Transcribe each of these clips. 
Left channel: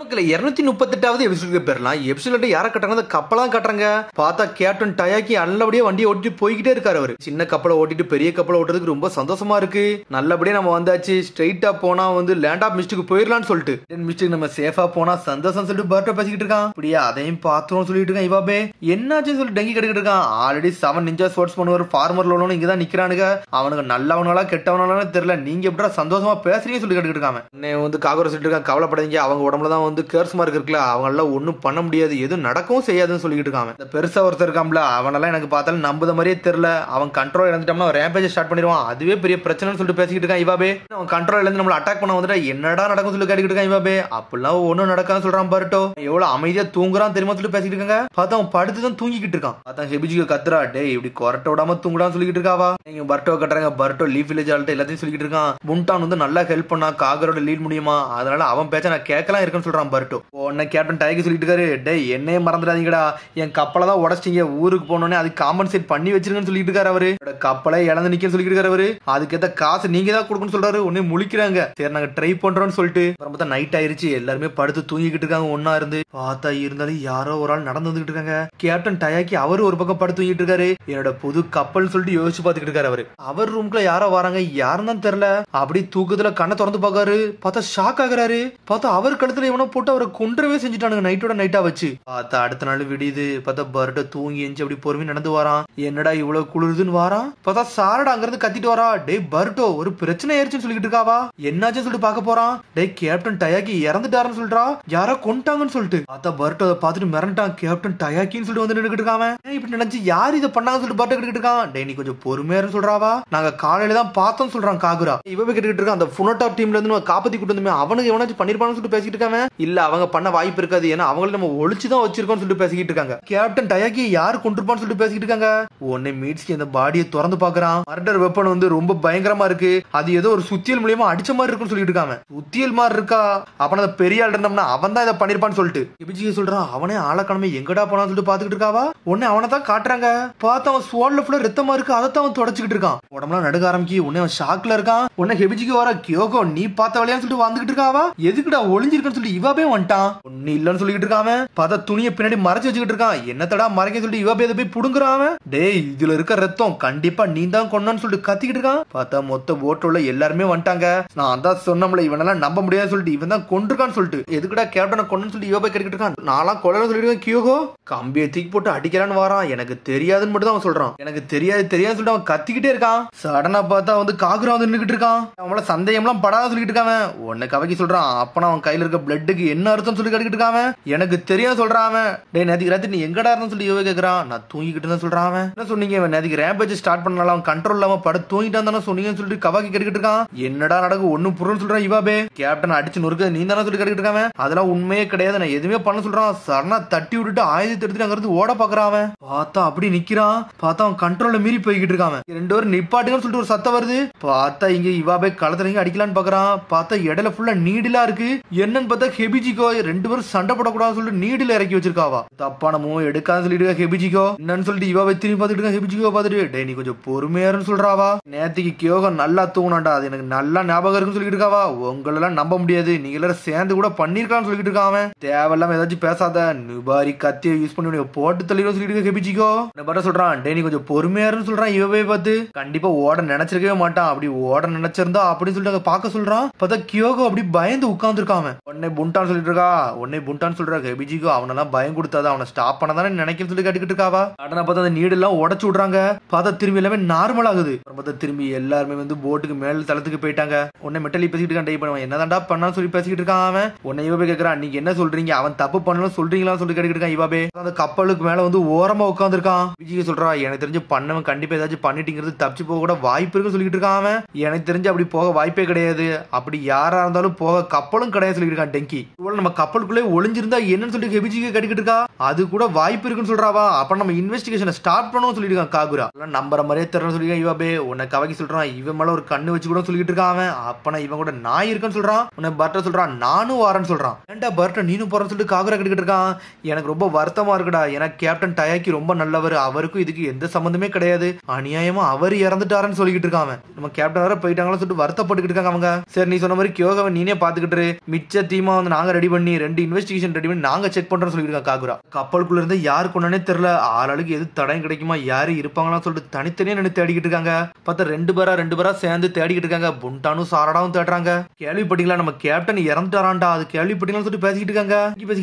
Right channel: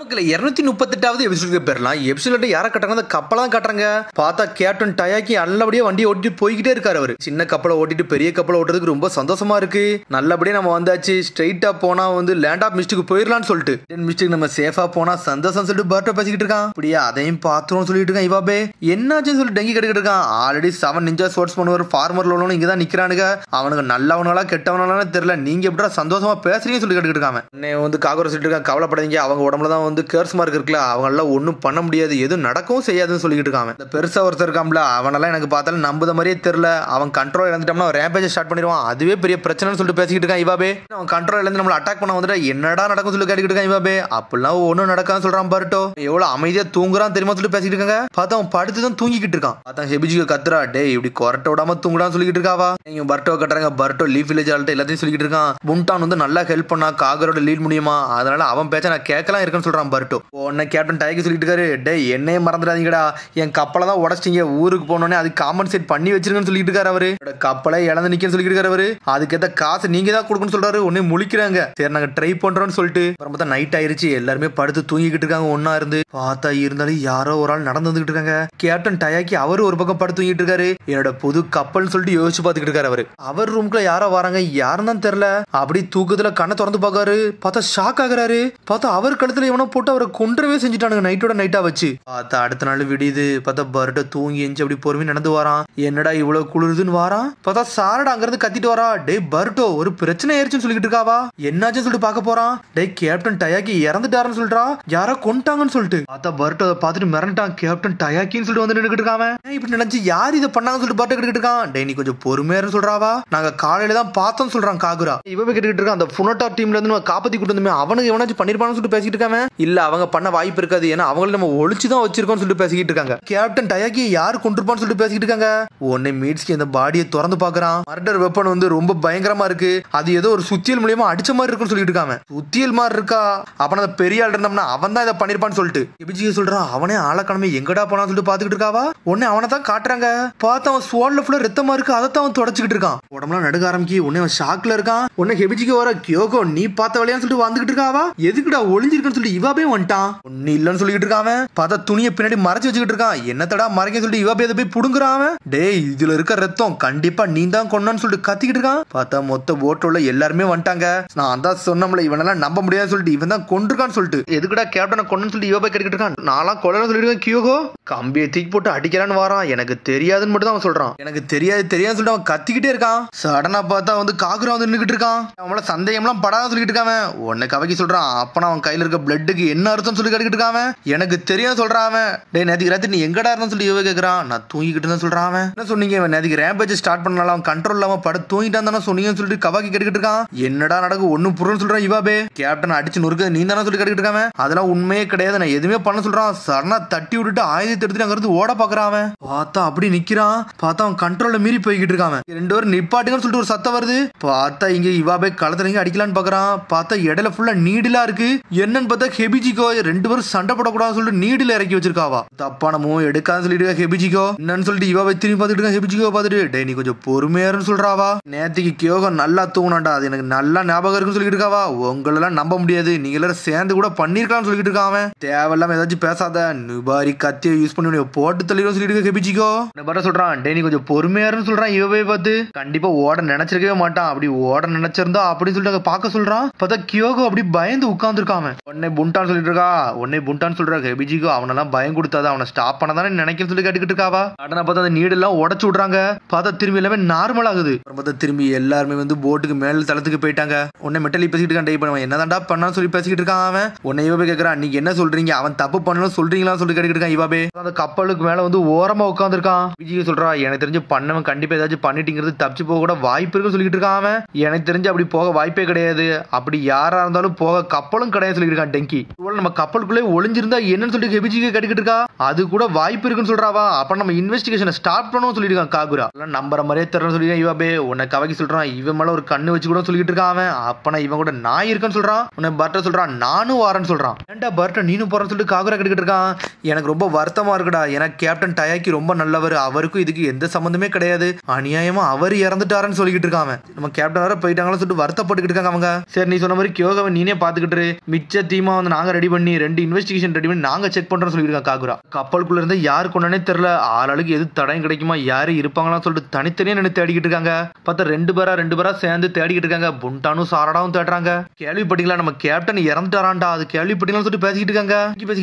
மக்களே 238வது எபிசோடுக்கு போயிடலாம். எபிசோட யாரை கட்டுறாங்க? அந்த கப்பலாம் கட்டுறாங்க. பார்த்தா கேப்டன் டயாக்கி நல்லபடியா வண்டியை ஓட்டிட்டு போய்கிட்டே இருக்காரு. அவரு சின்ன கப்பலை ஓட்டிட்டு பெரிய கப்பலை ஓட்டுறதுக்கு ரொம்ப சந்தோஷமா இருக்கு. நல்லபடியா நம்ம வந்தாச்சு. ஸ்ட்ரைட்டா போனா வந்து லேண்ட் ஆஃப் மிஸ்டேக் போயிடலாம்னு சொல்லிட்டு மிஸ்டேக் நம்ம சேஃபா போனா சந்தோஷம் சொல்லிட்டு பர்ட்டோ பேசிக்கிட்டு இருக்கான். அப்படியே அதையும் பாத்துரும் சொல்லிட்டு இருக்கான். இவாபே என்னாச்சுன்னு சொல்லி டெங்கி கட்டிக்கிட்டு இருக்கான். ஆல்ரெடி 7 நிஞ்சா ஸ்போர்ட்ஸ் பண்ணுவார் ஃபார்மர் லோனும் இங்கதான் நிக்கிறானுங்க. அவனுக்கு நல்லவனால கெட்டவனாலும் தெரியல. நீங்க எப்படி சந்தோஷமா பேசுறீங்கன்னு சொல்லி கட்டிக்கிட்டு இருக்காங்க. வந்து காகர சொல்லிட்டு இருக்கான், கவலைப்படாதீங்க, அவங்க உடம்புலதான் வந்து கேர்ஸ் மார்க் இருக்குல்ல, அவங்க எல்லாம் ஒன்னும் பண்ண முடியாது, எதுவும் நடக்கவும் செய்யாதுன்னு சொல்லிட்டு இருக்காங்க. இந்த பெருசா ஒருத்தர் இருக்காம்ல, அவனெல்லாம் எனக்கு பார்த்தாலும் நம்புத மாதிரியே தெரியல. அவன் கண்ட்ரோல் இழந்துட்டோம்னா ரேம்பேஜ் ஸ்டார்ட் பண்ணிடுவான், அதுவே பெரிய பிரச்சனைன்னு சொல்லிட்டு பேசிக்கிட்டு இருக்கான். இவாபே அவன் கண்ட்ரோல் இழந்து நம்மள அட்டாக் பண்ண வந்துட்டா என்னடா நடக்கும் சொல்லி கேட்டுக்கிட்டு இருக்கான். இவாபே அப்படிலாம் ஒன்னும் நடக்கான்னு சொல்றான். பர்ட்டோ எவ்வளவு அமைதியா தூங்குறான் தெரியுமா சொல்லி பேசிக்கிட்டு இருக்காங்க. பார்த்தா அவன் படுத்துதான் தூங்கிக்கிட்டு இருக்கான். பார்த்தா ஹெபிஜிக்கு கத்துறா, டே இப்படி கொரட்ட விடாம தூங்குடான்னு சொல்லிட்டு இருக்காவா. நீங்க பர்ட்டோ கட்டுறாங்க. பர்ட்டோ லீஃப் வில்லேஜ் ஆள்கிட்ட எல்லாத்தையும் சொல்லிட்டு இருக்கான். புண்டான் வந்து நல்லா ஹெல்ப் பண்ணா காகரோட லீட் முடியுமா, அதனால அவன் பேச்ச நான் கேட்கலாம் இருக்குன்னு சொல்றான். பர்ட்டோ உடனே கேப்டன் டயக்கு சொல்லிட்டு இருக்காரு, டே என்னையே மறந்துடாதீங்கடா, என் கப்பலை தான் உடச்சிங்க, ஊருக்கு போனோடனே அது காம்பன்சேட் பண்ணி வச்சிருக்கேன்னு சொல்லிட்டு இருக்காரு. அவரு கப்பலை இழந்து நிக்க சொல்லிட்டு இருக்காரு. அவரு அதுக்கேற்ற காசு நீங்க தான் கொடுக்கணும்னு சொல்றாரு. உடனே முழிக்கிறாங்க. சரி நாங்க ட்ரை பண்றோம்னு சொல்லிட்டு அப்புறம் பார்த்தா நைட் ஆயிருச்சு. எல்லாருமே படுத்து தூங்கிக்கிட்டு இருக்காங்க. ஒன்னா இருந்து பார்த்தா இருந்தாலும் யாரோ ஒரு ஆள் நடந்து வந்துகிட்டு இருக்காங்க. கேப்டன் டயாக்கி அவரு ஒரு பக்கம் படுத்து தூங்கிட்டு இருக்காரு. என்னோட புது கப்பல்னு சொல்லிட்டு யோசிச்சு பாத்துக்கிட்டு இருக்காரு. அவரு அவர் ரூம்குள்ள யாரோ வராங்க, யாருன்னு தான் தெரியல. அப்படி தூக்கத்துல கண்ணை திறந்து பாக்காரு. பார்த்தா ஷாக் ஆகுறாரு. பார்த்தா அவர் கழுத்துல எவனோ போட்டு அவரை கொன்றவே செஞ்சுட்டானுங்க நைட்டோட நைட்டா வச்சு. பார்த்தா அடுத்த நாள் விடியுது. பார்த்தா பர்ட்டோ தூங்கி எஞ்சி அப்படி பொறுமையா நடந்து வரான். என்னடா இவ்வளவு குளிருதுன்னு வாரான். பார்த்தா சாரடா அங்க இருந்து கத்திட்டு வரா. டே பர்ட்டோ ஒரு பிரச்சனை ஆயிருச்சுன்னு சொல்லிட்டு இருக்காவா. என்னாச்சுன்னு சொல்லிட்டு பாக்க போறான். டே கேப்டன் டயாக்கி இறந்துட்டாருன்னு சொல்றா, யாரோ கொண்டாங்கன்னு சொல்லிட்டு. பார்த்தா பர்ட்டோ பார்த்துட்டு மிரண்டான். கேப்டன் டயாக்கின்னு சொல்லிட்டு வந்து நின்னுக்கிட்டு இருக்கான். இப்படி நினைச்சு யார் இதை பண்ணாங்கன்னு சொல்லிட்டு பர்ட்டோ கிட்டு இருக்கான். டே நீ கொஞ்சம் பொறுமையா சொல்றாவா, நாங்க காலையில தான் பார்த்தோம் சொல்றான் காகுரா. இவன் கிட்டு இருக்கான். அந்த புனோடாப் டீம்ல இருந்து நம்ம காப்பாத்தி கூட்டு வந்து அவனுக்கு எவனாச்சும் பண்ணிருப்பான்னு சொல்லிட்டு பேசிட்டு இருக்காங்க. இல்ல அவங்க பண்ண வாய்ப்பு இருக்காது, ஏன்னா அவங்கள நம்ம ஒளிச்சுதான் வச்சிருக்கோம் சொல்லிட்டு பேசிக்கிட்டு இருக்காங்க. கேப்டன் டயாக்கி யார் கொண்டிருப்பான்னு சொல்லிட்டு பேசிட்டு இருக்காங்க. உடனே மீட்ஸ்கி அந்த பாடியை திறந்து பாக்குறான். மர்டர் வெப்பன் வந்து ரொம்ப பயங்கரமா இருக்கு. அது ஏதோ ஒரு சுத்தியல் மூலியமா அடிச்ச மாதிரி இருக்குன்னு சொல்லிட்டு இருக்காங்க. சுத்தியல் மாதிரி இருக்கா, அப்ப அந்த பெரிய ஆள் இருந்தோம்னா அவன் தான் இதை பண்ணிருப்பான்னு சொல்லிட்டு எபிஜி சொல்றான். அவனே ஆளக்கணமே எங்கடா போனான்னு சொல்லிட்டு பாத்துக்கிட்டு இருக்காவா. உடனே அவனை தான் காட்டுறாங்க. பார்த்தா அவன் ஸ்வால்ல ஃபுல்லா ரத்தமா இருக்கு. அதைத்தான் அவன் தொடச்சிக்கிட்டு இருக்கான். உடம்புலாம் நடுக்க ஆரம்பிக்கி. உடனே அவன் ஷாக்ல இருக்கான். உடனே ஹெபிஜிக்கு வர, கியோகோ நீ பார்த்த வழியான்னு சொல்லிட்டு வந்துகிட்டு இருக்காவா. எதுக்குடா ஒளிஞ்சிருக்குன்னு சொல்லிட்டு இவாபே வந்துட்டான். ஒன்னு இல்லன்னு சொல்லிட்டு இருக்காம. பார்த்தா துணியை பின்னாடி மறைச்சு வச்சுக்கிட்டு இருக்கான். என்னத்தடா மறைக்க சொல்லிட்டு இவாபே அதை போய் புடுங்குறான். டேய் இதுல இருக்க ரத்தம் கண்டிப்பா நீ தான் கொண்டான்னு சொல்லிட்டு கத்திக்கிட்டு இருக்கான். பார்த்தா மொத்த போட்டோல எல்லாருமே வந்துட்டாங்க. நான் தான் சொன்னோம்ல இவனெல்லாம் நம்ப முடியாதுன்னு சொல்லிட்டு இவன் தான் கொண்டிருக்கான்னு சொல்லிட்டு. எதுக்குடா கேப்டனை கொண்டு சொல்லிட்டு இவாபே கேட்டுக்கிட்டு இருக்கான். நான்லாம் கொல்லன்னு சொல்லிட்டு இருக்கேன். கியோகோ கம்பியை தூக்கி போட்டு அடிக்கலான்னு வாரான். எனக்கு தெரியாதுன்னு மட்டும் தான் அவன் சொல்றான். எனக்கு தெரியாதுன்னு சொல்லிட்டு அவன் கத்திக்கிட்டே இருக்கான். சடனா பார்த்தா வந்து காகுரா வந்து நின்னுக்கிட்டு இருக்கான். அவங்கள சந்தேகம்லாம் படாத சொல்லிட்டு இருக்கான். உன்னை கவக்கி சொல்றான். அப்பனா அவன் கையில இருக்க பிளட்டுக்கு என்ன அர்த்தம் சொல்லி கேட்டுக்கிட்டு இருக்கான். எனக்கு தெரியாது சொல்றான். அவன் டே நேத்துக்கு ராத்திரி நீ எங்கடா இருந்தா சொல்லி இவ கேக்குறான். நான் தூங்கிக்கிட்டு தான் சொல்றான். அவன் என்ன சொன்னீங்க, இவன் நேத்துக்கு ரேம்பேஜ் ஸ்டார்ட் பண்ணலாம் அவன் கண்ட்ரோல் இல்லாம படுத்து தூங்கிட்டான் தானே சொன்னீங்கன்னு சொல்லிட்டு கவாக்கி கேட்டுக்கிட்டு இருக்கான். என்னடா நடக்கும் ஒன்னும் புரியல சொல்றான். இவாபே கேப்டன் அடிச்சு நொறுக்க நீ தானே சொல்லி கேட்டுக்கிட்டு இருக்கான். அதெல்லாம் உண்மையே கிடையாது, நான் எதுவுமே பண்ண சொல்றான். சரணா தட்டி விட்டுட்டு ஆயுதத்தை எடுத்துட்டு அங்க இருந்து ஓட பாக்குறான். அவன் பார்த்தா அப்படி நிக்கிறான். பார்த்தா அவன் கண்ட்ரோல்ல மீறி போய்கிட்டு இருக்கான். ரெண்டு பேரும் நிப்பாட்டுங்கன்னு சொல்லிட்டு ஒரு சத்தம் வருது. பார்த்தா இங்க இவாபே களத்துல அடிக்கலான்னு பாக்குறான். பார்த்தா இடையில ஃபுல்லா நீடிலா இருக்கு. என்னன்னு பார்த்தா ஹெபிஜிகோ ரெண்டு பேரும் சண்டை போடக்கூடாதுன்னு சொல்லிட்டு நீடில இறக்கி வச்சிருக்காவா. தப்பான மூவ் எடுக்கான்னு சொல்லிட்டு ஹெபிஜிகோ என்னன்னு சொல்லிட்டு இவாபே திரும்பி பார்த்துட்டு ஹெபிஜிகோ பார்த்துட்டு டே நீ கொஞ்சம் பொறுமையாருன்னு சொல்றாவா. நேத்திக்கு கியோகோ நல்லா தூங்கினாண்டா, அது எனக்கு நல்லா ஞாபகம் இருக்குன்னு சொல்லிட்டு இருக்காவா. உங்களெல்லாம் நம்ப முடியாது, நீங்க எல்லாரும் சேர்ந்து கூட பண்ணிருக்கான்னு சொல்லிட்டு இருக்கான். தேவையில்லாம ஏதாச்சும் பேசாத, நுபாரி கத்தியை யூஸ் பண்ணி போட்டு தள்ளிடும் சொல்லிட்டு ஹெபிஜிகோ பட்ட சொல்றான். டே நீ கொஞ்சம் பொறுமையாருன்னு சொல்றான். இவவே பார்த்து கண்டிப்பா ஓட நினைச்சிருக்கவே மாட்டான். அப்படி ஓட நினைச்சிருந்தா அப்படின்னு சொல்லிட்டு பார்க்க சொல்றான். பார்த்தா கியோகோ அப்படி பயந்து உட்கார்ந்து இருக்கான். உடனே புண்டான்னு சொல்லிட்டு இருக்கா. உடனே புண்டான்னு சொல்ற ஹெபிஜிகோ அவனெல்லாம் பயம் கொடுத்தாதான் அவனை ஸ்டாப் பண்ணதானே நினைக்கிறேன்னு சொல்லி கேட்டுக்கிட்டு இருக்காவா. உடனே பார்த்தா அந்த நீடு எல்லாம் உடச்சு விடுறாங்க. பார்த்தா திரும்பி எல்லாமே நார்மல் ஆகுது. பார்த்தா திரும்பி எல்லாருமே வந்து போட்டுக்கு மேல தளத்துக்கு போயிட்டாங்க. உடனே மெட்டலி பேசிட்டு இருக்கான். டைப் பண்ணுவான் என்னதான்டா பண்ணான்னு சொல்லி பேசிக்கிட்டு இருக்கான். அவன் உன்னை இவபே கேட்கறான், நீங்க என்ன சொல்றீங்க, அவன் தப்பு பண்ணணும் சொல்றீங்களான்னு சொல்லி கேட்டுக்கிட்டு இருக்கான். இவாபே அந்த கப்பலுக்கு மேல வந்து ஓரமா உட்காந்துருக்கான். விஜய் சொல்றா எனக்கு தெரிஞ்சு பண்ணவன் கண்டிப்பா ஏதாச்சும் பண்ணிட்டீங்கிறது தப்பிச்சு போக கூட வாய்ப்பு இருக்குன்னு சொல்லிட்டு இருக்கான். அவன் எனக்கு தெரிஞ்சு அப்படி போக வாய்ப்பே கிடையாது, அப்படி யாரா இருந்தாலும் போக கப்பலும் கிடையாது சொல்லிட்டு இருக்கான். டெங்கி நம்ம கப்பலுக்குள்ளே ஒளிஞ்சிருந்தா என்னன்னு சொல்லிட்டு ஹெபிஜிக்கு கேட்டுக்கிட்டு இருக்கா. அது கூட வாய்ப்பு இருக்குன்னு சொல்றாவா. அப்ப நம்ம இன்வெஸ்டிகேஷனை ஸ்டார்ட் பண்ணணும் சொல்லிட்டு இருக்கான். காகுரா நம்புற மாதிரியே தெரியல சொல்லிருக்கான். இவாபே உன்னை கவக்கி சொல்றான். இவன் மேல ஒரு கண்ணு வச்சு கூட சொல்லிட்டு இருக்கான். அவன் அப்பனா இவன் கூட நாய் இருக்குன்னு சொல்றான். உன்னை பர்ட்டர் சொல்றான் நானும் வரேன்னு சொல்றான். ஏன்டா பர்ட்டர் நீனும் போறேன்னு சொல்லிட்டு காகுரா கேட்டுக்கிட்டு இருக்கான். எனக்கு ரொம்ப வருத்தமா வருத்தமா இருக்குடா. ஏன்னா கேப்டன் டயாக்கி ரொம்ப நல்லவர், அவருக்கும் இதுக்கு எந்த சம்பந்தமே கிடையாது, அநியாயமா அவர் இறந்துட்டாருன்னு சொல்லிக்கிட்டு இருக்காங்க. நம்ம கேப்டன் வேற போயிட்டாங்கன்னு சொல்லிட்டு வருத்தப்பட்டுக்கிட்டு இருக்காங்க அவங்க. சரி நீ சொன்ன மாதிரி கியோகாவை நீனே பாத்துக்கிட்டு மிச்ச தீமா வந்து நாங்க ரெடி பண்ணி 2 இன்வெஸ்டிகேஷன் ரெடி பண்ணி நாங்க செக் பண்றோம் சொல்லிருக்காங்க காகுரா. கப்பலுக்குள்ள இருந்து யாரு கொண்டானே தெரியல, ஆளாளுக்கு எது தடயம் கிடைக்குமா யாரு இருப்பாங்களான்னு சொல்லிட்டு தனித்தனியா நின்று தேடிக்கிட்டு இருக்காங்க. பார்த்தா 2 பேரா சேர்ந்து தேடிக்கிட்டு இருக்காங்க. புண்டானும் சாரடாவும் தேடுறாங்க. கேள்விப்பட்டீங்களா நம்ம கேப்டன் இறந்துட்டாரான்டா, அது கேள்விப்பட்டீங்கன்னு சொல்லிட்டு பேசிக்கிட்டு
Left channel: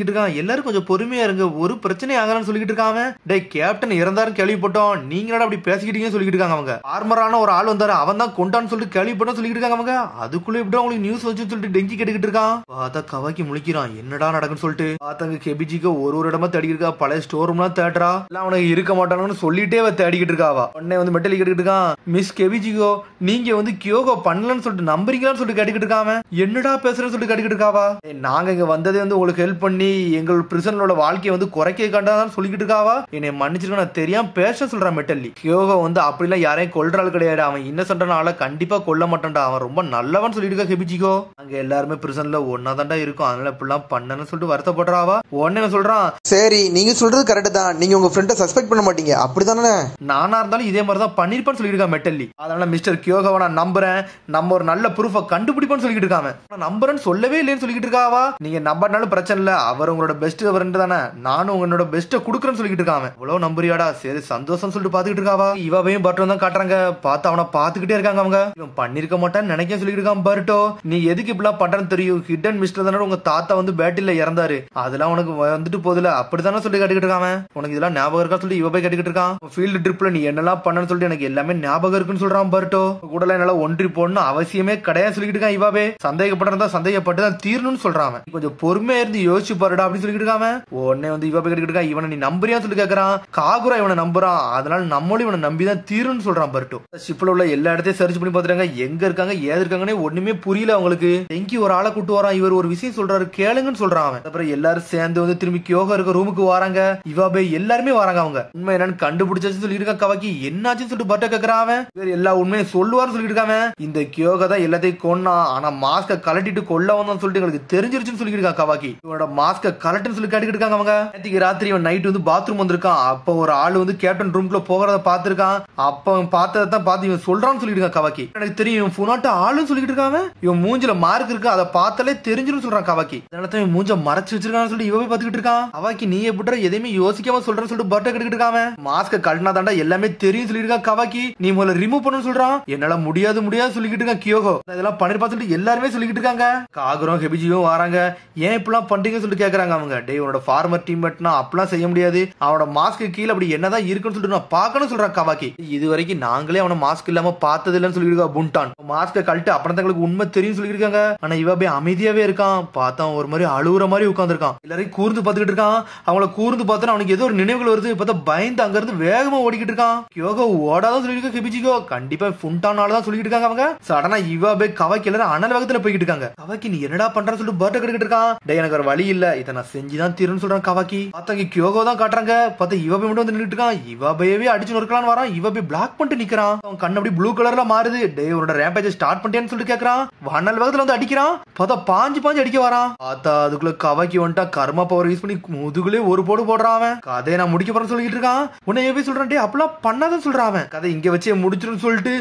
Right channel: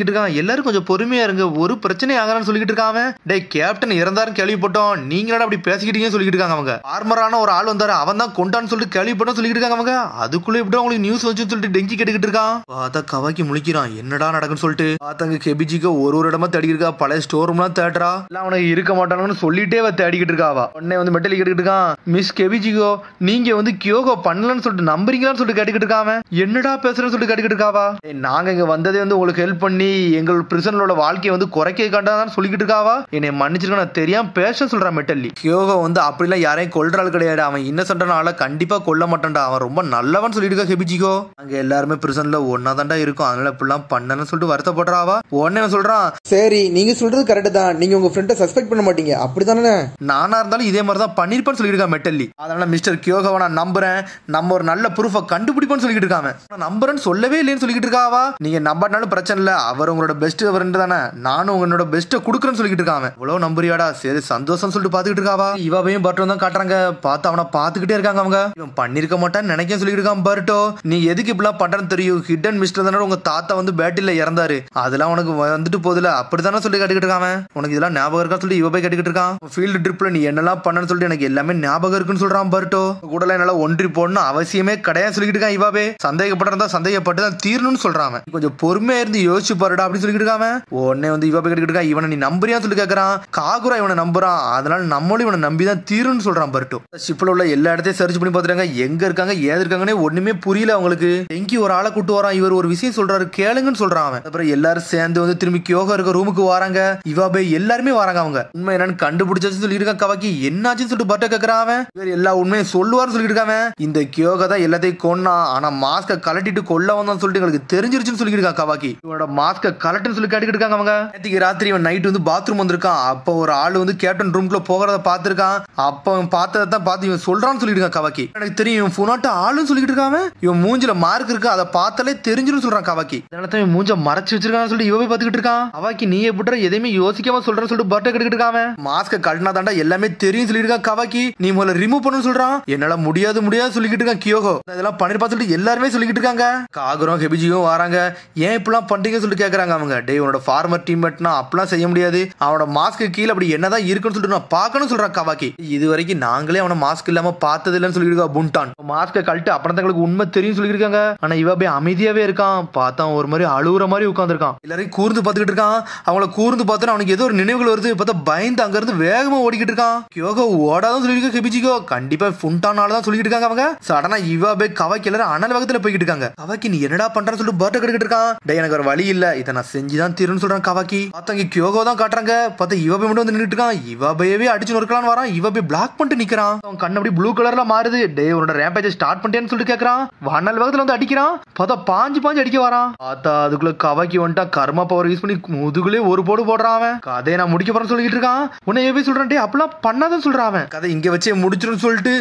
இருக்காங்க. எல்லாரும் கொஞ்சம் பொறுமையா இருங்க, ஒரு பிரச்சனை ஆகலாம்னு சொல்லிக்கிட்டு இருக்காங்க. டே கேப்டன் இறந்தாருன்னு கேள்விப்பட்டோம், நீங்களா அப்படி பேசிக்கிட்டீங்கன்னு சொல்லிக்கிட்டு இருக்காங்க அவங்க. ஆர்மரான ஒரு ஆள் வந்தாரு, அவன் தான் கொண்டான்னு சொல்லிட்டு கேள்விப்பட்டோம் சொல்லிக்கிட்டு இருக்காங்க அவங்க. அதுக்குள்ள எப்படி உங்களுக்கு நியூஸ் வச்சுன்னு சொல்லிட்டு டெங்கி கேட்டுக்கிட்டு இருக்கான். பார்த்தா கவாக்கி முழிக்கிறான், என்னடா நடக்குன்னு சொல்லிட்டு. பார்த்தாங்க கெபிஜிக்கு ஒரு இடமா தேடி இருக்கா, பழைய ஸ்டோர் ரூம்லாம் தேடுறா, எல்லாம் அவனுக்கு இருக்க மாட்டானுன்னு சொல்லிட்டே தேடிக்கிட்டு இருக்காவா. உடனே வந்து மெட்டல் கேட்டுக்கிட்டு இருக்கான், மிஸ் கெபிஜிகோ நீங்க வந்து கியோகோ பண்ணலன்னு சொல்லிட்டு நம்புறீங்களான்னு சொல்லிட்டு கேட்டுக்கிட்டு இருக்காம. என்னடா பேசுறேன்னு சொல்லிட்டு கேட்டுக்கிட்டு இருக்காவா. நாங்க இங்க வந்ததே வந்து உங்களுக்கு ஹெல்ப் பண்ணி எங்கள் பிரிசனரோட வாழ்க்கையை வந்து குறைக்க கண்டாதான் சொல்லிக்கிட்டு இருக்காவா. என்னை மன்னிச்சிருக்க, நான் தெரியாம பேச சொல்றான் மெட்டல்லி. கியோகோ வந்து அப்படிலாம் யாரையும் கொல்றாள் கிடையாது, அவன் இன்னசென்டான கண்டிப்பா கொல்ல மாட்டான்டா, அவன் ரொம்ப நல்லவன் சொல்லிட்டு இருக்கா கெபிஜிகோ. அங்க எல்லாருமே பிரிசன்ல ஒன்னா தாண்டா இருக்கும், அதனால இப்படிலாம் பண்ணனு சொல்லிட்டு வருத்தப்படுறாவா. உடனே சொல்றான், சரி நீங்க சொல்றது கரெக்ட் தான், நீங்க உங்க ஃப்ரெண்ட சஸ்பெக்ட் பண்ண மாட்டீங்க அப்படிதானே, நானா இருந்தாலும் இதே மாதிரி தான் பண்ணிருப்பான்னு சொல்லிருக்கா மெட்டல்லி. அதனால மிஸ்டர் கியோகோவை நான் நம்புறேன், நம்ம ஒரு நல்ல ப்ரூஃபை கண்டுபிடிப்போம்னு சொல்லிட்டு இருக்காங்க. நம்புறேன்னு சொல்லவே இல்லைன்னு சொல்லிட்டு இருக்காவா. நீங்க நம்பறனாலும் பிரச்சனை இல்ல, அவர் உங்களோட பெஸ்ட் ஃப்ரெண்ட் தானே, நானும் உங்களோட பெஸ்ட்டை கொடுக்குறேன்னு சொல்லிட்டு இருக்காங்க. இவ்வளவு நம்புறியாடா, சரி சந்தோஷம் சொல்லிட்டு பாத்துக்கிட்டு இருக்காவா. இவாவையும் பர்ட்டோ தான் காட்டுறாங்க, பார்த்து அவனை பாத்துக்கிட்டே இருக்காங்க அவங்க. இவன் பண்ணிருக்க மாட்டான்னு நினைக்க சொல்லிட்டு இருக்கான். பர்ட்டோ நீ எதுக்கு இப்படிலாம் பண்றன்னு தெரியும், ஹிடன் மிஸ்டர் தானே உங்க தாத்தா வந்து பேட்டில இறந்தாரு, அதெல்லாம் உனக்கு வந்துட்டு போதுல அப்படித்தானே சொல்லி கேட்டுக்கிட்டு இருக்காங்க. உனக்கு இதெல்லாம் ஞாபகம் இருக்கா சொல்லி இவ போய் கேட்டுக்கிட்டு இருக்கான். ஃபீல்டு ட்ரிப்ல நீ என்னெல்லாம் பண்ணன்னு சொல்லிட்டு எனக்கு எல்லாமே ஞாபகம் இருக்குன்னு சொல்றான் பர்ட்டோ. கூட என்னால ஒன்றி போடணும் அவசியமே கிடையாது சொல்லிட்டு இருக்கான். இவாவே சந்தேகப்பட்டிருந்தா சந்தேகப்பட்டு தான் தீரணும்னு சொல்றாங்க. கொஞ்சம் பொறுமையா இருந்து யோசிச்சு பாருடா அப்படின்னு சொல்லிட்டு இருக்காங்க. உடனே வந்து இவ போய் கேட்டுக்கிட்டு இருக்கான், இவனை நீ நம்புறியா சொல்லி கேட்கறான். காகுரா இவனை நம்புறான், அதனால நம்மளும் இவனை நம்பிதான் தீருன்னு சொல்றான் பர்ட்டோ. ஷிப்ல உள்ள எல்லா இடத்தையும் சர்ச் பண்ணி பாத்துறாங்க, எங்க இருக்காங்க ஏது இருக்காங்கன்னு ஒண்ணுமே புரியல அவங்களுக்கு. டெங்கி ஒரு ஆளை கூட்டு வரான், இவர் ஒரு விஷயம் சொல்றாரு கேளுங்கன்னு சொல்றான் அவன். அப்புறம் எல்லாரும் சேர்ந்து வந்து திரும்பி கியோகா இருக்க ரூமுக்கு வராங்க. இவாபே எல்லாருமே வராங்க. அவங்க உண்மை என்னன்னு கண்டுபிடிச்சு சொல்லி இருக்கா. கவாக்கி என்னாச்சுன்னு சொல்லிட்டு பர்ட்டோ கேக்குறான். அவன் இவர் எல்லா உண்மையும் சொல்லுவார்னு சொல்லிட்டு இருக்காங்க. இந்த கியோகா தான் எல்லாத்தையும் கொன்னா, ஆனா மாஸ்க கலட்டிட்டு கொல்ல வந்தான்னு சொல்லிட்டு எங்களுக்கு தெரிஞ்சிருச்சுன்னு சொல்லி இருக்கா கவாக்கி. இவனோட மாஸ்க கலட்டுன்னு சொல்லி கேட்டுக்கிட்டு இருக்காங்க அவங்க. நேற்றுக்கு ராத்திரி இவன் நைட் வந்து பாத்ரூம் வந்திருக்கான், அப்ப ஒரு ஆள் வந்து கேப்டன் ரூம்குள்ள போகிறத பாத்துருக்கான், அப்ப அவன் பார்த்ததை தான் பார்த்து இவன் சொல்றான்னு சொல்லிட்டு இருக்கான் கவாக்கி. எனக்கு தெரியும் இவன் புனாட்ட ஆளுன்னு சொல்லிட்டு இருக்காங்க, இவன் மூஞ்சில மார்க் இருக்கு அதை பார்த்தாலே தெரிஞ்சிடும் சொல்றான் கவாக்கி. அதனால தான் இவன் மூஞ்ச மறைச்சு வச்சிருக்கான்னு சொல்லிட்டு இவன் பாத்துக்கிட்டு இருக்கான். கவாக்கி நீ எப்படி எதையுமே யோசிக்காம சொல்றேன்னு சொல்லிட்டு பர்ட்டோ கேட்டுக்கிட்டு இருக்காங்க. மாஸ்க கழட்டினா தாண்டா எல்லாமே தெரியும் சொல்லிட்டு இருக்கான் கவாக்கி. நீ முதல்ல ரிமூவ் பண்ணு சொல்றான். என்னால முடியாது சொல்லிக்கிட்டு இருக்கான் கியோகோ. இதெல்லாம் பண்ணிருப்பா சொல்லிட்டு எல்லாருமே சொல்லிக்கிட்டு இருக்காங்க. காகுரும் ஹெபிஜியும் வராங்க, ஏன் இப்பெல்லாம் பண்றீங்க சொல்லிட்டு கேக்குறாங்க அவங்க. டே உன்னோட ஃபார்மர் டீம்மேட்னா அப்பெல்லாம் செய்ய முடியாது, அவனோட மாஸ்க்கு கீழே அப்படி என்னதான் இருக்குன்னு சொல்லிட்டு நான் பார்க்கணும் சொல்றான் கவாக்கி. இது வரைக்கும் நாங்களே அவனை மாஸ்க் இல்லாம பார்த்தது இல்லைன்னு சொல்லியிருக்கா புண்டான். மாஸ்க கழட்டு அப்புறம் தங்களுக்கு உண்மை தெரியும் சொல்லியிருக்காங்க. ஆனா இவ அப்படியே அமைதியாவே இருக்கான். பார்த்தா ஒரு மாதிரி அழுகுற மாதிரி உட்காந்துருக்கான். எல்லாரையும் கூர்ந்து பார்த்துக்கிட்டு இருக்கான். அவங்கள கூர்ந்து பார்த்தா அவனுக்கு ஏதோ ஒரு நினைவுகள் வருது. பார்த்தா பயந்து அங்க இருந்து வேகமா ஓடிக்கிட்டு இருக்கான். கியோகோ ஓடாதான் சொல்லியிருக்க ஹெபிஜிகோ கண்டிப்பா புண்டானாலதான் சொல்லிட்டு இருக்காங்க அவங்க. சடனா இவ அப்படியே கவாக்கி எல்லாரும் அனல் வேகத்துல போய்கிட்டு இருக்காங்க. கவாக்கி நீ என்னடா பண்றன்னு சொல்லிட்டு பர்ட்டோ கேட்டுக்கிட்டு இருக்கான். டே எனக்கு ஒரு வழி இல்ல, இதை நான் செஞ்சுதான் தீருன்னு சொல்றான் கவாக்கி. பார்த்தா கியோகோ தான் காட்டுறாங்க. பார்த்தா இவ போய் மட்டும் வந்து நின்றுட்டு இருக்கான். இவ பயவே அடிச்சு நொறுக்கலான்னு வரான். இவ போய் பிளாக் பண்ணிட்டு நிக்கிறான். அவன் கண்ணு அப்படி ப்ளூ கலர்ல மாறுது. டே உன்னோட ரேம்பேஜ் ஸ்டார்ட் பண்ணிட்டேன்னு சொல்லிட்டு கேக்குறான். அனல் வேகத்துல வந்து அடிக்கிறான். பார்த்தா பாஞ்சு அடிக்க வரான். பார்த்தா அதுக்குள்ள கவாக்கி வந்துட்டா கர்மா பவர் யூஸ் பண்ணி முதுகுலே ஒரு போடு போடுறான். அவன் கதையை நான் முடிக்க போறேன்னு சொல்லிட்டு இருக்கான். உன்னை எப்படி சொல்றான், டே அப்பெல்லாம் பண்ணாதான் சொல்றான். அவன் கதை இங்க வச்சே முடிச்சிடும் சொல்லிட்டு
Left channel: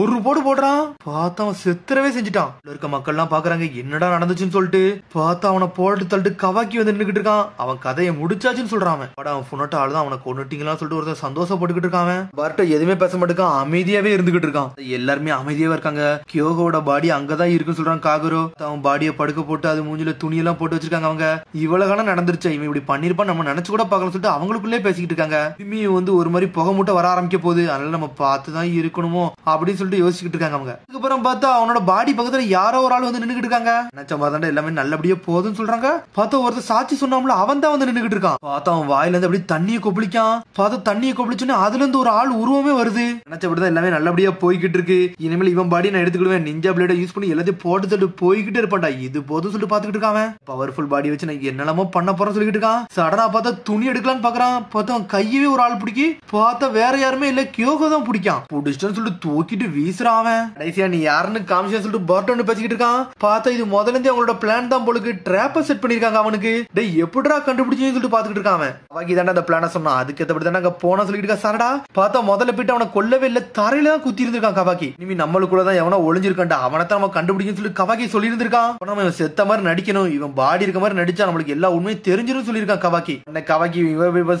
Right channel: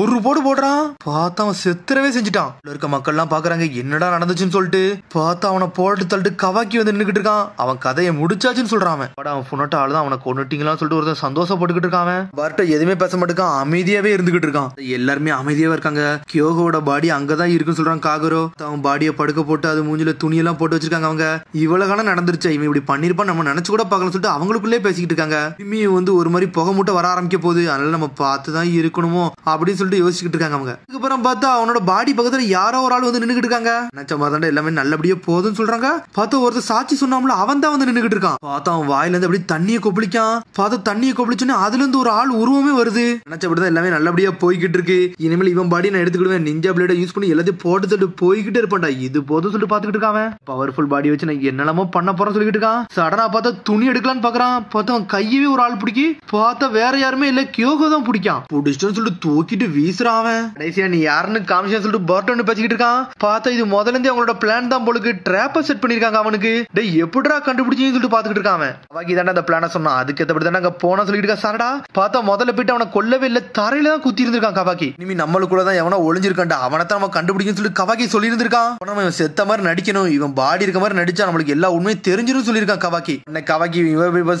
ஒரு போடு போடுறான். பார்த்தா அவன் செத்துறவே செஞ்சுட்டான். இருக்க மக்கள் எல்லாம் பாக்குறாங்க என்னடா நடந்துச்சுன்னு சொல்லிட்டு. பார்த்தா அவனை போட்டு தள்ளிட்டு கவாக்கி வந்து நின்னுக்கிட்டு இருக்கான். அவன் கதையை முடிச்சாச்சுன்னு சொல்றான். அவன் புனட்ட ஆளுதான் அவனை கொண்டுட்டீங்களான்னு சொல்லிட்டு ஒருத்தன் சந்தோஷப்பட்டுக்கிட்டு இருக்கான். பர்ட்டோ எதுவுமே பேச மாட்டேக்கான், அமைதியாவே இருந்துகிட்டு இருக்கான். எல்லாருமே அமைதியாவே இருக்காங்க. கியோகோட பாடி அங்கதான் இருக்குன்னு சொல்றான் காகுரோ. அவன் பாடியை படுக்க போட்டு அது மூஞ்சில துணியெல்லாம் போட்டு வச்சிருக்காங்க. அவங்க இவ்வளவு நடந்துருச்சு, இவன் இப்படி பண்ணிருப்பான் நம்ம நினைச்சு கூட பார்க்கணும் சொல்லிட்டு அவங்களுக்குள்ளே பேசிக்கிட்டு இருக்காங்க. இனிமே வந்து ஒரு மாதிரி புகை மூட்டை வர ஆரம்பிக்க போகுது, அதனால நம்ம பார்த்துதான் இருக்கணுமோ அப்படின்னு சொல்லிட்டு யோசிச்சுட்டு இருக்காங்க அவங்க. அதுக்கப்புறம் பார்த்தா அவனோட பாடி பக்கத்துல யாரோ ஒரு ஆள் வந்து நின்னுகிட்டு இருக்காங்க. நினைச்ச மாதிரி எல்லாமே நல்லபடியா போகுதுன்னு சொல்றாங்க. பார்த்தா ஒருத்தர் சாட்சி சொன்னாமல அவன் தான் வந்து நின்னுகிட்டு இருக்கான். பார்த்தா அவன் வாயில இருந்து அப்படியே தண்ணியை கொப்பளிக்கான். பார்த்தா தண்ணியை கொப்பளிச்சுன்னு அதுல இருந்து ஒரு ஆள் உருவமே வருது. நினைச்சபடிதான் எல்லாமே நல்லபடியா போய்கிட்டு இருக்கு. இனிமேல் இவன் பாடி நான் எடுத்துக்கிடுவேன், நிஞ்சா பிளேட யூஸ் பண்ணி எல்லாத்தையும் போட்டு தட்டு போய்கிட்டே இருப்பான்டா, இது போதும் சொல்லிட்டு பாத்துக்கிட்டு இருக்கான். பவர்ஃபுல் பாடி வச்சு நான் என்னெல்லாமோ பண்ண போறேன்னு சொல்லிட்டு இருக்கான். சடனா பார்த்தா துணி எடுக்கலான்னு பாக்குறான். பார்த்தா அவன் கையவே ஒரு ஆள் பிடிக்கி. பார்த்தா வேற யாருமே இல்ல, கியோகோ தான் பிடிக்கான். பிடிச்சிட்டோன்னு சொல்லிட்டு தூக்கிட்டு வீசுறான். கடைசியா நீ யாருன்னு காமிஷன் சொல்லிட்டு பர்ட்டோன்னு பேசிக்கிட்டு இருக்கான். பார்த்தா இது முதல்ல இருந்தே அவங்களோட பிளான் தான் போலுக்கு ட்ராப்ப செட் பண்ணிருக்காங்க அவனுக்கு. டேய் எப்படிடா கண்டுபிடிச்சீங்கன்னு சொல்லிட்டு பாத்துக்கிட்டு இருக்கான். கவாக்கி தானே அந்த பிளான சொன்னான், அதுக்கு ஏத்தபடி தானே அங்க போனா சொல்லிட்டு இருக்கா. சாரடா பார்த்தா முதல்ல போயிட்டு அவனை கொல்லவே இல்ல, தரையில தான் குத்தி இருந்திருக்கான் கவாக்கி. இனிமே நம்மளுக்குள்ளதான் எவனோ ஒளிஞ்சிருக்கான்டா, அவனை தான் நம்ம கண்டுபிடிக்கன்னு சொல்லி கவாக்கி சொல்லி இருந்திருக்கான். நம்ம செத்த மாதிரி நடிக்கணும், இவன் பாடி இருக்க மாதிரி நடிச்சா நம்மளுக்கு எல்லா உண்மையும் தெரிஞ்சிரும் சொல்லியிருக்கான் கவாக்கி. கவாக்கி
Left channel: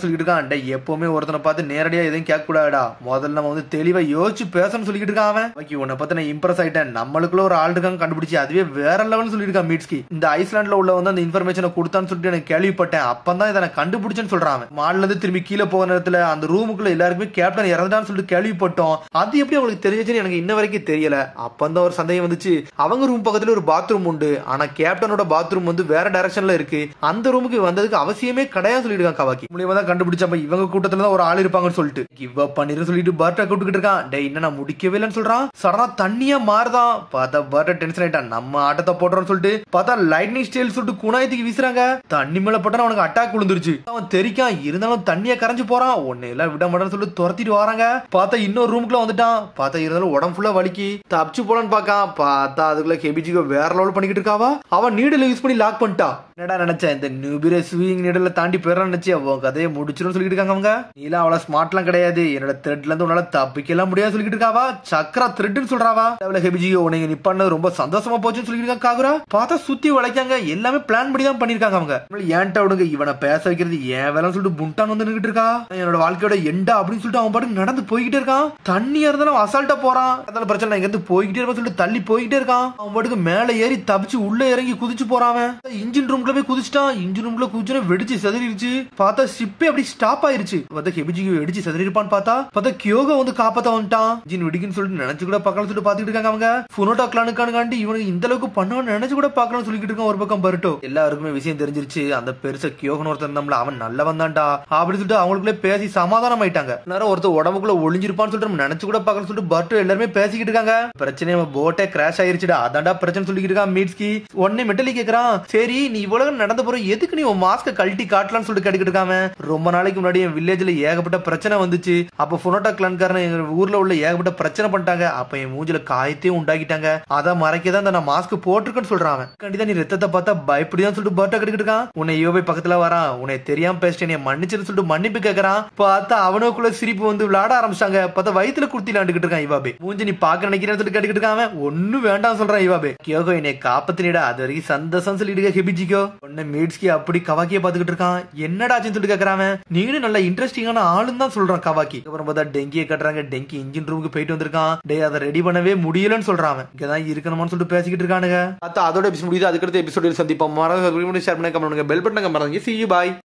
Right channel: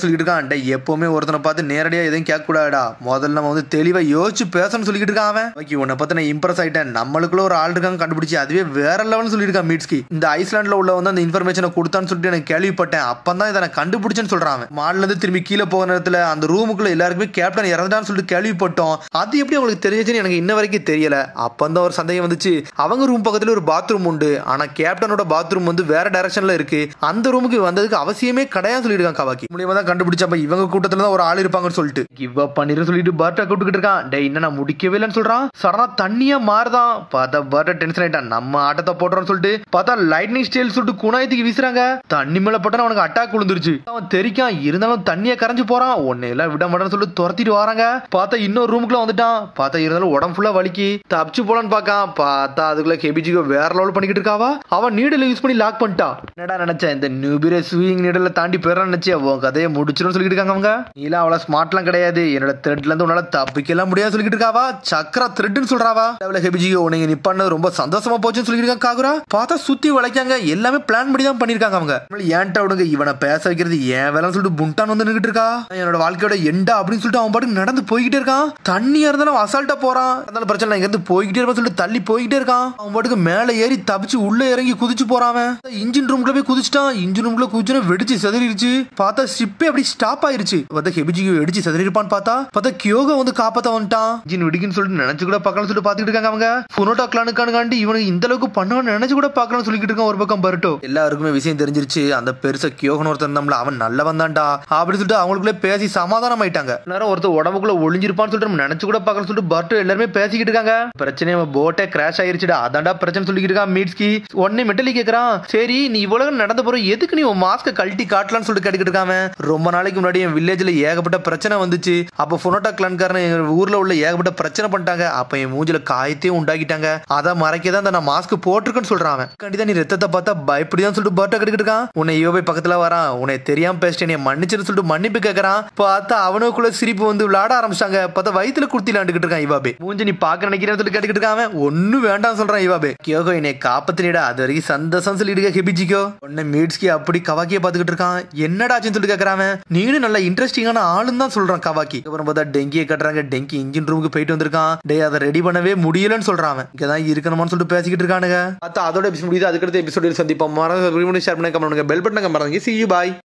சொல்லிட்டு இருக்கான், எப்பவுமே ஒருத்தனை பார்த்து நேரடியா எதுவும் கேட்க கூடாடா, முதல்ல நம்ம வந்து தெளிவா யோசிச்சு பேசணும்னு சொல்லிட்டு இருக்கான் அவன். கவாக்கி உன்னை பார்த்து நான் இம்ப்ரெஸ் ஆயிட்டேன், நம்மளுக்குள்ள ஒரு ஆள் இருக்காங்க கண்டுபிடிச்சு, அதுவே வேற லெவல் சொல்லியிருக்கான் மீட்ஸ்கி. இந்த ஐஸ்லாண்ட்ல உள்ள வந்து அந்த இன்ஃபர்மேஷனை கொடுத்தான்னு சொல்லிட்டு எனக்கு கேள்விப்பட்டேன், அப்பதான் இதை நான் கண்டுபிடிச்சேன்னு சொல்றான். மால்ல இருந்து திரும்பி கீழே போகிற நேரத்துல அந்த ரூமுக்குள்ள எல்லாருக்குமே கேப்டன் இறந்தான்னு சொல்லிட்டு கேள்விப்பட்டோம், அது எப்படி அவங்களுக்கு தெரிஞ்சுன்னு எனக்கு இன்ன வரைக்கும் தெரியல. அப்பந்தான் ஒரு சந்தேகம் வந்துச்சு, அவங்க ரூம் பக்கத்துல ஒரு பாத்ரூம் உண்டு, ஆனா கேப்டனோட பாத்ரூம் வந்து வேற டைரக்ஷன்ல இருக்கு, அந்த ரூமுக்கு வந்ததுக்கு அவசியமே கிடையாது சொல்லிருக்கான் கவாக்கி. மூலியமா தான் கண்டுபிடிச்சப்ப இவங்க கூட்டத்துல தான் ஒரு ஆள் இருப்பாங்கன்னு சொல்லிட்டு கிவ் அப் பண்ணிரு சொல்லிட்டு பர்ட்டை கூப்பிட்டுக்கிட்டு இருக்கான். டே என்ன நான் முடிக்கவே இல்லைன்னு சொல்றான். சடனா தண்ணியா மாறுதான், பார்த்தா பர்ட்டை டென்ஷன் ஆயிட்டான், நம்ம ஆட்டத்தை போடுறோம்னு சொல்லிட்டு பார்த்தா லைட்னிங் ஸ்டைல் சொல்லிட்டு குணாயத்துக்கு வீசுறாங்க. தண்ணி மேல பட்டா அவனுக்கு அட்டாக் விழுந்துருச்சு, அவன் தெரிக்கான், இருந்தாலும் தண்ணியை கரைஞ்சு போறான். உன்னை எல்லாம் விட மாட்டேன்னு சொல்லிட்டு துரத்திட்டு வராங்க. பார்த்தா இன்னொரு ரூமுக்குள்ள வந்துட்டான், பார்த்தா இருந்தாலும் உடம்பு ஃபுல்லா வலிக்கு, தப்பிச்சு போலான்னு பாக்கான். பார்த்தா அதுக்குள்ள கெபிஜிகோ வேற லெவல் பண்ணிக்கிட்டு இருக்காவா. அவன் நீடல யூஸ் பண்ணி லாக் பண்ணிட்டான். என்னடா நினைச்சேன், இந்த நியூபிரே ஸ்விங் நீடல தாண்டி போயிடறான்னு நினைச்சேன், அவன் கதையை முடிச்சிடும் சொல்லிட்டு இருக்காங்க அவங்க. நீலாம் அவ்வளவு ஸ்மார்ட்லாம் கிடையாது, என்னோட த்ரெட்ல இருந்து உன்னால தப்பிக்கலாம் முடியாது சொல்லிட்டு இருக்காவா. சக்கர த்ரெட்னு சொல்றாவா. கெபிஜிகோ நீங்க நிப்பானது ரொம்ப சந்தோஷமா போச்சுன்னு சொல்லிட்டு இருக்காங்க காகுரா. பார்த்தா சுத்தி வளைக்காங்க, எல்லாமே பிளான் பண்ணி தான் பண்ணிருக்காங்க அவங்க. ஏன்டா விடுங்க, இவனை பேச வைக்கிறது ஏன் வேலைன்னு சொல்லிட்டு புண்டான் வந்து நின்றுட்டு இருக்கா. என்னோட வாழ்க்கையோட எண்டா அப்படின்னு சொல்லிட்டு அவன் பாட்டுக்கு நடந்து போய்கிட்டே இருக்கான். தண்ணியா இருந்தாலும் அசால்ட்டா போறான், அதனால பிரச்சனை இங்க இருந்து போய்கிட்டே இருப்பான் சொல்லிட்டு தள்ளி போய்கிட்டே இருக்கான். அவன் பாட்டுக்கு மேல ஏறி தப்பிச்சு உள்ள இறங்கி குதிச்சு போறான். இன்ஜின் ரூம்ல போய் குதிச்சுட்டான், இன்ஜின் ரூம்ல குதிச்சு வெடிச்சு செதறிடுச்சு. பார்த்தா ஷிப்பே அப்படி ஸ்டாப் ஆயிருச்சு. பார்த்தா கெபிஜிகோ வெடிச்சு செதறி இருப்பான்னு பார்த்தா கியோகோ வந்து காப்பாத்த வந்துட்டான். இன்ஜின் வெடிக்குன்னு சொல்லிட்டு நினைச்சு கூட பார்க்கலாம் சொல்லிட்டு பாத்துட்டு இருக்காங்க அவங்க. புனோட்டா கிளானுக்காண்டி இவனுக்கு இந்த அளவுக்கு பண்ணுவான்னு நினைச்சு கூட பார்க்கலாம் சொல்லிட்டு இருக்கான் ஒரு பக்கம் பர்ட்டோ. எல்லாருக்குமே விஷயம் தெரிஞ்சிருச்சு, அந்த பெருசா கியோகன் ஒருத்தர் நம்மள அவன் நல்ல வந்தான்டா அப்படின்னு சொல்லிட்டு அவங்களுக்குள்ள பேசி சமாதானம் ஆயிட்டாங்க. நேரம் ஒருத்தர் உடம்புக்குள்ள ஒளிஞ்சிருப்பான்னு சொல்லிட்டு நம்ம நினைச்சு கூட பார்க்கலாம் சொல்லிட்டு பர்ட்டோ எல்லாருமே பேசிக்கிட்டு இருக்காங்க. பிரச்சனை போட்டே கிராஷ் ஆயிருச்சுடா, அதான்டா பிரச்சனை சொல்லிட்டு இருக்கான் மீட்ஸ்கி. உடனே மெட்டலி கேக்குறான், சரி நீ இவ்வளவு நடந்த போற எதுக்கு நீ உன் மாஸ்க கழட்டி காட்டலாம்னு சொல்லிட்டு கேட்டுக்கிட்டு இருக்காம. ரொம்ப நாளைக்கு முன்னாடி என் வில்லேஜ்ல ஏகப்பட்ட பிரச்சனை வந்துச்சு, அப்ப புனோட்டா கிளான்காரன் ஊர்ல உள்ள ஏகப்பட்ட பிரச்சனை பண்ணிட்டாங்க, அப்ப என் மூஞ்சில காயத்தையும் உண்டாக்கிட்டாங்க, அதை மறைக்கதான் நான் மாஸ்க் போட்டிருக்கேன்னு சொல்றான். கண்டிப்பா நீ ரத்தத்தை பார்த்தா பயப்படியான்னு சொல்லிட்டு பர்ட்டா கேட்டுக்கிட்டு இருக்கான். உன்னை யோபை பக்கத்துல வரான், உன்னை தெரியாம பேசிட்டேன் மன்னிச்சுன்னு சொல்லிட்டு மன்னிப்பு கேட்கறான். பார்த்தா அவனுக்குள்ள சிரிப்பு வந்து விளையாட ஆரம்பிச்சாங்க. பார்த்தா வயித்துல குடுத்தி விளையாண்டுக்கிட்டு இருக்கான் இவாபே. மூஞ்சி நீ பாக்க நினைக்கிறேன்னு சொல்லிட்டு கேட்டுக்கிட்டு இருக்கான். ஒன்னும் வேண்டாம் சொல்றான் இவாபே. கியோகோ என்னை காப்பத்தினிடா, அது வரைக்கும் சந்தோஷம் சொல்லிட்டு கெபிஜிகோ. உடனே மீட்ஸ்கி அப்படி கவாக்கிய பாத்துக்கிட்டு இருக்கான். என்னடா ஆச்சுன்னு சொல்லிட்டு கேக்குறான். நீனும் நல்ல இன்ட்ரெஸ்டிங்கான ஆளுன்னு தான் சொல்றான் கவாக்கி. அப்புறம் பார்த்தா டெங்கியை கட்டுறாங்க, டெங்கி இன்ஜின் ரூமுக்கு போயிட்டு வந்திருக்கான். டே அதை ரெடி பண்ணவே முடியலன்னு சொல்றான். இங்கதான் இருக்கணும்னு சொல்லிட்டு பேசிக்கிட்டு இருக்கானுங்க. அதோட எபிசோட் முடியுது, அதுக்கடுத்த எபிசோடில் சந்திப்போம். மறந்து ஷேர் பண்ணி கமெண்ட் பண்ணுங்க, பெல் பட்டனை மறந்துங்க. See you, bye.